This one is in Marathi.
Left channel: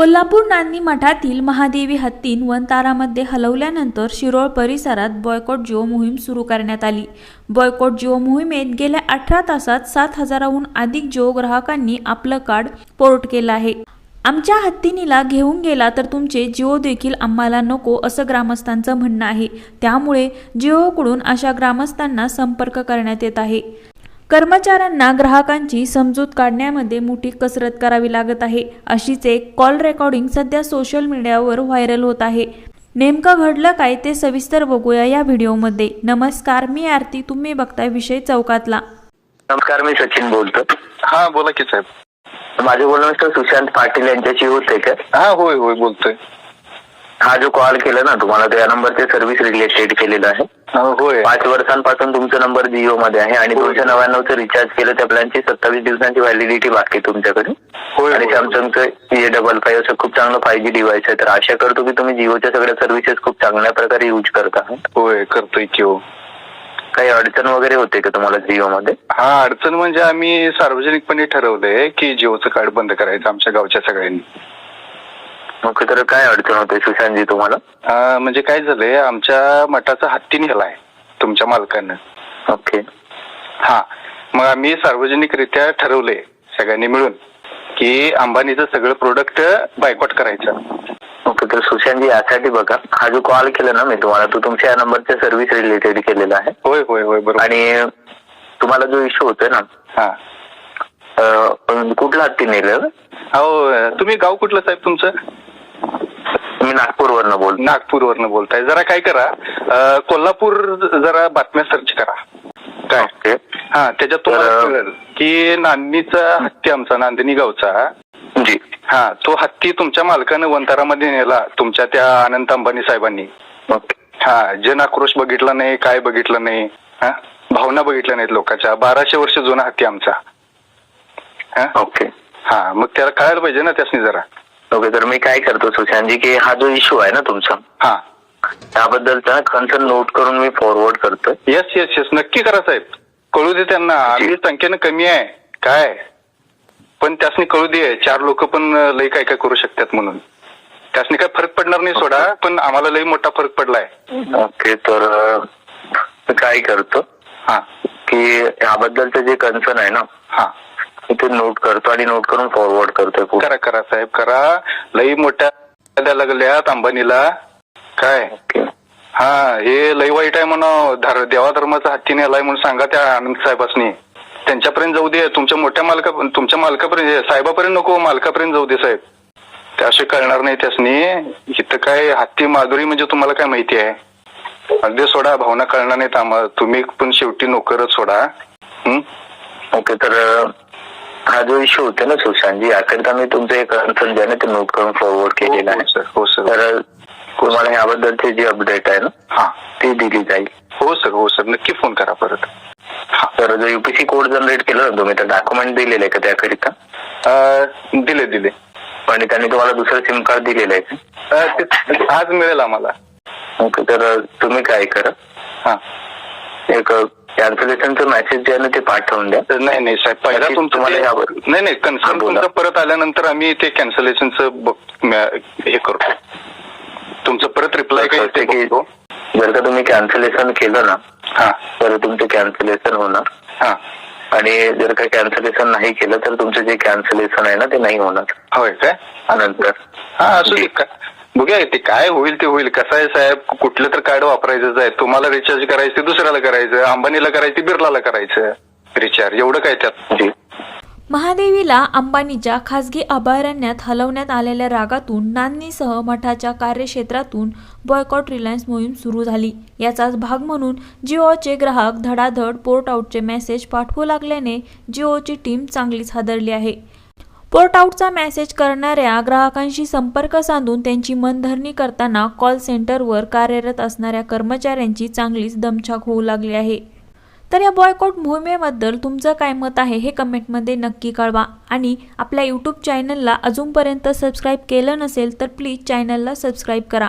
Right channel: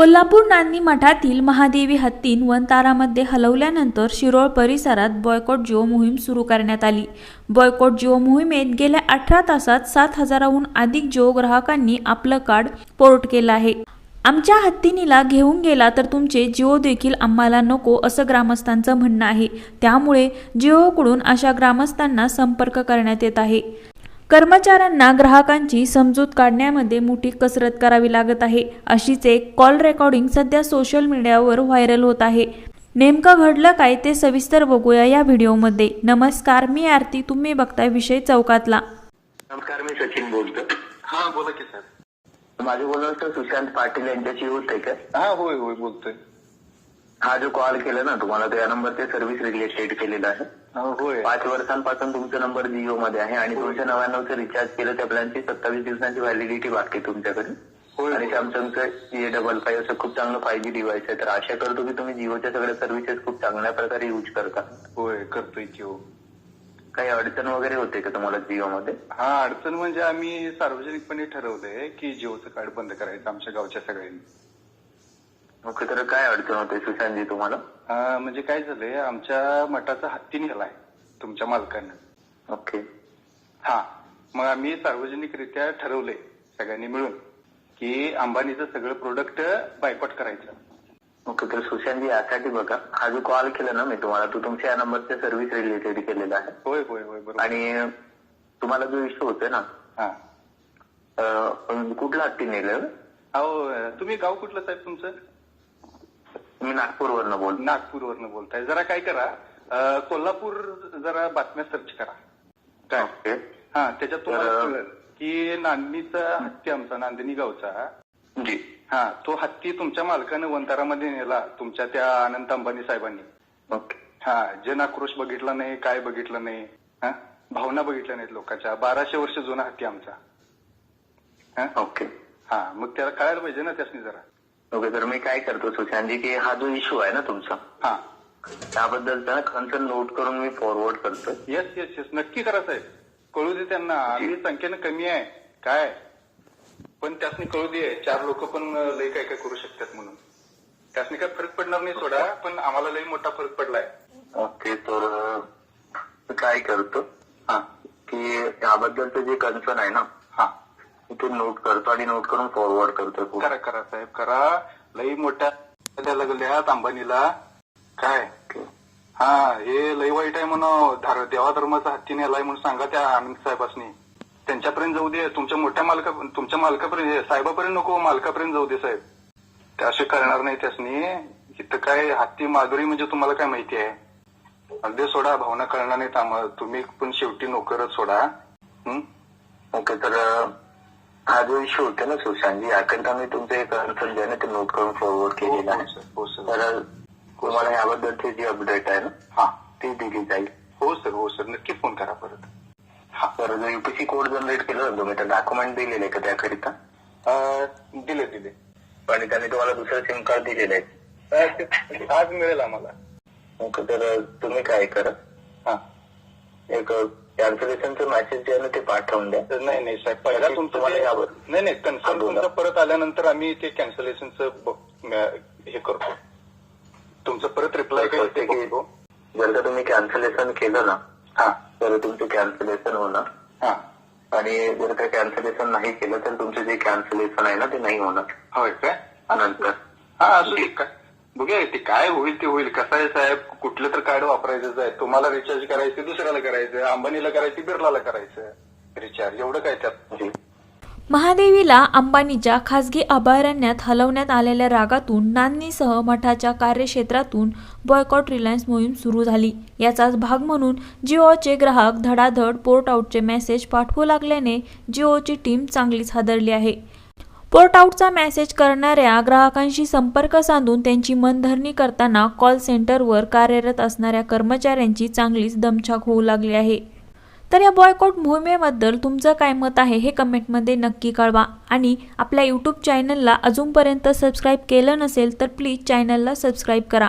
कोल्हापूर नांदी मठातील महादेवी हत्तीन वनतारामध्ये हलवल्यानंतर शिरोळ परिसरात बॉयकॉट जिओ मोहीम सुरू करण्यात आली। बॉयकॉट जिओ मोहिमेत गेल्या 18 तासात 7,000हून अधिक जिओ ग्राहकांनी आपलं कार्ड पोर्ट केलं आहे। आमच्या हत्तीनीला घेऊन गेला तर तुमचे जिओ देखील आम्हाला नको असं ग्रामस्थांचं म्हणणं आहे। त्यामुळे जिओकडून अशा ग्रामस्थांना संपर्क करण्यात येत आहे। कर्मचाऱ्यांना ग्राहकांची समजूत काढण्यामध्ये मोठी कसरत करावी लागत आहे। अशीच एक कॉल रेकॉर्डिंग सध्या सोशल मीडियावर व्हायरल होत आहे। नेमकं घडलं काय ते सविस्तर बघूया या व्हिडिओमध्ये। नमस्कार, मी आरती, तुम्ही बघताय विषय चौकातला। नमस्कार, मी सचिन बोलतो। हा बोला की साहेब। माझे बोलणं तर सुशांत पाटील यांच्याशी होते का? हा होय होय बोलतोय। हा जो कॉल केला ना तुम्हाला, त्या नंबरचे सर्व्हिस रिलेटेड केलेलं आहे। होय 5 वर्षांपासून तुमचा नंबर जिओ मध्ये आहे आणि 299चं रिचार्ज केलं त्या प्लॅनची 27 दिवसांची व्हॅलिडिटी बाकी तुमच्याकडे। आणि सॅमसंगचं A55 असं खूप चांगलं 5G डिव्हाइस आहे। तर आशा करतो की तुम्ही जिओच्या सगळ्या सर्व्हिसेस खूप चांगल्या प्रकारे यूज करता। होय करतोय की हो। काही अडचण वगैरे होते का तुम्हाला जिओ मध्ये? हा, अडचण म्हणजे आम्ही सार्वजनिकपणे ठरवलंय की जिओचं कार्ड बंद करायचं आमच्या गावच्या सगळ्यांनी। ओके, तर काय अडचण होते सुशांतजी तुम्हाला? म्हणजे काय झालंय, आमच्या मठाचा हत्ती नेलाय तुमच्या मालकानं। ओके, हा मग आम्ही सार्वजनिकरित्या ठरवलंय सगळ्यांनी मिळून की अंबानीचं सगळं प्रोडक्ट बायकॉट करायचं। ओके, तर सुशांतजी यासाठी बघा, हा जो कॉल केला ना मी तुम्हाला, तो तुमच्या या नंबरच्या सर्व्हिस रिलेटेड केलेला आहे। होय होय होय बरोबर। आणि तुम्हाला जो इश्यू होतोय ना, हा कुठला हत्ती नेलं? हो, तुम्ही गाव कुठलं साहेब तुमचं? मी नागपूरवरनं बोलतो। नागपूरवरनं बोलताय? जरा काय करा, कोल्हापूर जरा बातम्या सर्च करा काय। हा, त्याच्यात तुम्हाला कळेल की नांदणीचा हत्ती आमचा नांदणी गावचा जी, हा तो हत्ती तुमच्या मालकानं वनतारामध्ये नेला तुमच्या त्या अनंत अंबानी साहेबांनी। हा, जन आक्रोश बघितला नाही, काय बघितलं नाही, हा भावना बघितल्या नाहीत लोकांच्या। 1200 वर्ष जुना हत्ती आमचा। ओके, हा मग त्याला कळायला पाहिजे ना त्यासनी जरा। ओके, तर मी काय करतो सुशांतजी की हा जो इश्यू आहे ना तुमचा, हा त्याबद्दलचा कन्सर्न नोट करून मी फॉरवर्ड करतो। येस येस येस, नक्की करा साहेब, कळू दे त्यांना। आम्ही संख्येनं कमी आहे काय, पण त्यासनी कळू दे, 4 लोक पण लई काय काय करू शकतात म्हणून। त्यासनी काय फरक पडणार नाही सोडा, पण आम्हाला लई मोठा फरक पडलाय। ओके, तर काय करतो हा की याबद्दलचं जे कन्सर्न आहे ना, हा ते नोट करतो आणि नोट करून फॉरवर्ड करतोय। करा करा साहेब करा, लई मोठ्या द्यायला लागल्यात अंबानीला काय। हा, हे लई वाईट आहे म्हणून, देवा धर्माचा हत्ती नेलाय म्हणून सांगा त्या आनंद साहेबांनी। त्यांच्यापर्यंत जाऊ दे, तुमच्या मालकापर्यंत, साहेबापर्यंत नको, मालकापर्यंत जाऊ दे साहेब। त्याशिवाय कळणार नाही त्यासनी इथं काय हत्ती माधुरी म्हणजे तुम्हाला काय माहिती आहे। अगदी सोडा, भावना कळणार नाहीत आम्हाला, तुम्ही पण शेवटी नोकरच सोडा। ओके, तर हा जो इश्यू होते ना सुशांतजी, याकरिता मी तुमचं एक कन्सर्न जे आहे ना ते नोट करून फॉरवर्ड केलेलं आहे। हो सर। तर तुम्हाला याबद्दलची जी अपडेट आहे ना, हा ती दिली जाईल। हो सर, हो सर, नक्की फोन करा परत। तर जो UPC कोड जनरेट केला ना तुम्ही, तर डॉक्युमेंट दिलेलं आहे का त्याकरिता? दिले। आणि त्यांनी तुम्हाला दुसरं सिम कार्ड दिलेलं आहे ते आज मिळेल आम्हाला। ओके, तर तुम्ही काय करा, हा एक कॅन्सलेशनचं मेसेज जे आहे ना ते पाठवून द्या। नाही साहेब, पहिला तुम्हाला यावर नाही कन्सर्न तुमचं परत आल्यानंतर आम्ही ते कॅन्सलेशनचं हे करतो, तुमचं परत रिप्लाय करते की जर का तुम्ही कॅन्सलेशन केलं ना, हा तर तुमचं कॅन्सलेशन होणार। हा, आणि जर का कॅन्सलेशन नाही केलं तर तुमचं जे कॅन्सलेशन आहे ना ते नाही होणार। होय काय? नंतर हा असू दे का, बघूया ते काय होईल ते होईल। कसं आहे साहेब, कुठलं तर कार्ड वापरायचंच आहे। तुम्हाला रिचार्ज करायचं ते दुसऱ्याला करायचं, अंबानीला करायचं बिर्लाला करायचं रिचार्ज, एवढं काय त्यात। महादेवीला अंबानीच्या खासगी अभयारण्यात हलवण्यात आलेल्या रागातून नांदणीसह मठाच्या कार्यक्षेत्रातून बॉयकॉट रिलायन्स मोहीम सुरू झाली। याचाच भाग म्हणून जिओचे ग्राहक धडाधड पोर्ट आउटचे मेसेज पाठवू लागल्याने जिओची टीम चांगलीच हादरली आहे। पोर्ट आउटचा मेसेज करणाऱ्या ग्राहकांशी संपर्क साधून त्यांची मनधरणी करताना कॉल सेंटरवर कार्यरत असणाऱ्या कर्मचाऱ्यांची चांगलीच दमछाक होऊ लागली आहे। तर या बॉयकॉट मोहिमेबद्दल तुमचं काय मत आहे हे कमेंटमध्ये नक्की कळवा। आणि आपल्या यूट्यूब चॅनलला अजूनपर्यंत सबस्क्राईब केलं नसेल तर प्लीज चॅनलला सबस्क्राईब करा।